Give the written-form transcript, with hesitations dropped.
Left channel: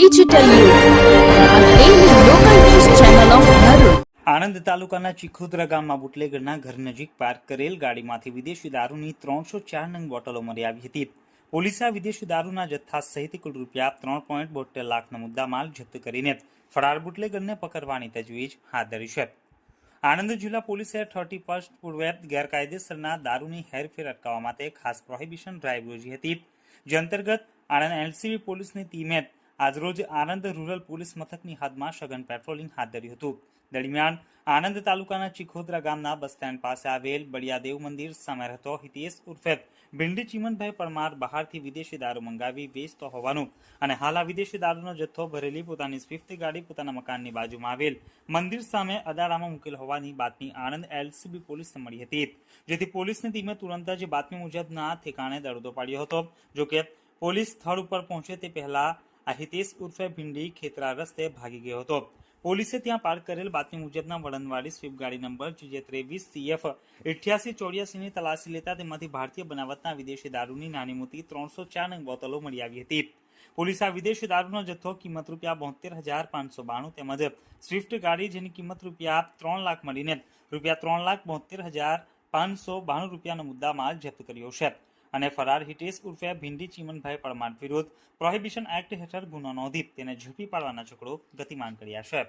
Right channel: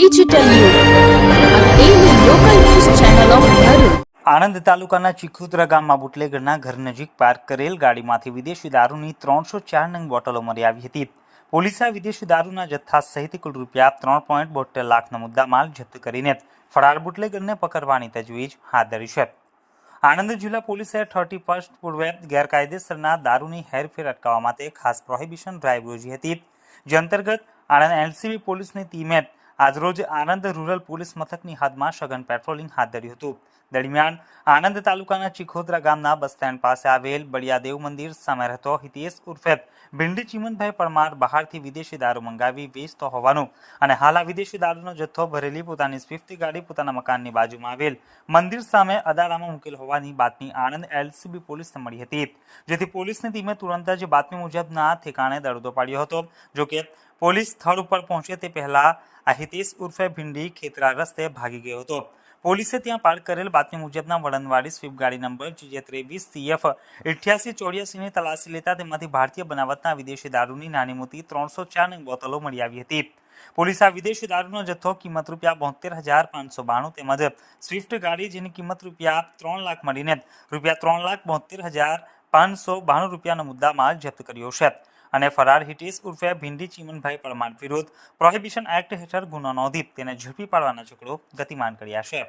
Digital યુગ આ daily local news channel of Bharuch. Anand તાલુકાના ચીખોદરા ગામમાં બુટલેગરના ઘર નજીક પાર્ક કરેલ ગાડીમાંથી વિદેશી દારૂની 304 નંગ બોટલો મળી આવી હતી. પોલીસે આ વિદેશી દારૂના જથ્થા સહિત કુલ રૂપિયા 3.72 લાખનો મુદ્દામાલ જપ્ત કરીને ફરાર બુટલેગરને પકડવાની તજવીજ હાથ ધરી છે. આણંદ જિલ્લા પોલીસે 31 પૂર્વે ગેરકાયદેસરના દારૂની હેરફેર અટકાવવા માટે ખાસ પ્રોહિબિશન ડ્રાઈવ યોજી હતી. જે અંતર્ગત આણંદ એલસીબી પોલીસની ટીમે આજરોજ આણંદ રૂરલ પોલીસ મથકની હદમાં સઘન પેટ્રોલિંગ હાથ ધર્યું હતું. દરમિયાન આણંદ તાલુકાના ચીખોદરા ગામના બસ સ્ટેન્ડ પાસે આવેલ બળિયાદેવ મંદિર સામે રહેતો હિતેશ ઉર્ફે ભીંડી ચીમનભાઈ પરમાર બહારથી વિદેશી દારૂ મંગાવી વેચતો હોવાનું અને હાલ આ વિદેશી દારૂનો જથ્થો ભરેલી પોતાની સ્વિફ્ટ ગાડી પોતાના મકાનની બાજુમાં આવેલ મંદિર સામે અદારામાં મૂકેલ હોવાની બાતમી આણંદ એલસીબી પોલીસને મળી હતી. જેથી પોલીસની ટીમે તુરંત જ બાતમી મુજબના ઠેકાણે દરોડો પાડ્યો હતો. જોકે પોલીસ સ્થળ ઉપર પહોંચે તે પહેલા આ હિતેશ ઉર્ફે ભીંડી ખેતરા રસ્તે ભાગી ગયો હતો. પોલીસે ત્યાં પાર્ક કરેલ બાતમી મુજબના વળનવાળી સ્વિફ્ટ ગાડી નંબર GJ23CF 8884ની તલાશી લેતા તેમાંથી ભારતીય બનાવટના વિદેશી દારૂની નાની મોટી 304 નંગ બોટલો મળી આવી હતી. પોલીસે આ વિદેશી દારૂનો જથ્થો કિંમત રૂપિયા 72,592 તેમજ સ્વિફ્ટ ગાડી જેની કિંમત રૂપિયા 3 લાખ મળીને રૂપિયા 3,72,592 રૂપિયાનો મુદ્દામાલ જપ્ત કર્યો છે અને ફરાર હિતેશ ઉર્ફે ભીંડી ચીમનભાઈ પરમાર વિરુદ્ધ પ્રોહિબિશન એક્ટ હેઠળ ગુનો નોંધી તેને ઝડપી પાડવાના ચક્રો ગતિમાન કર્યા છે.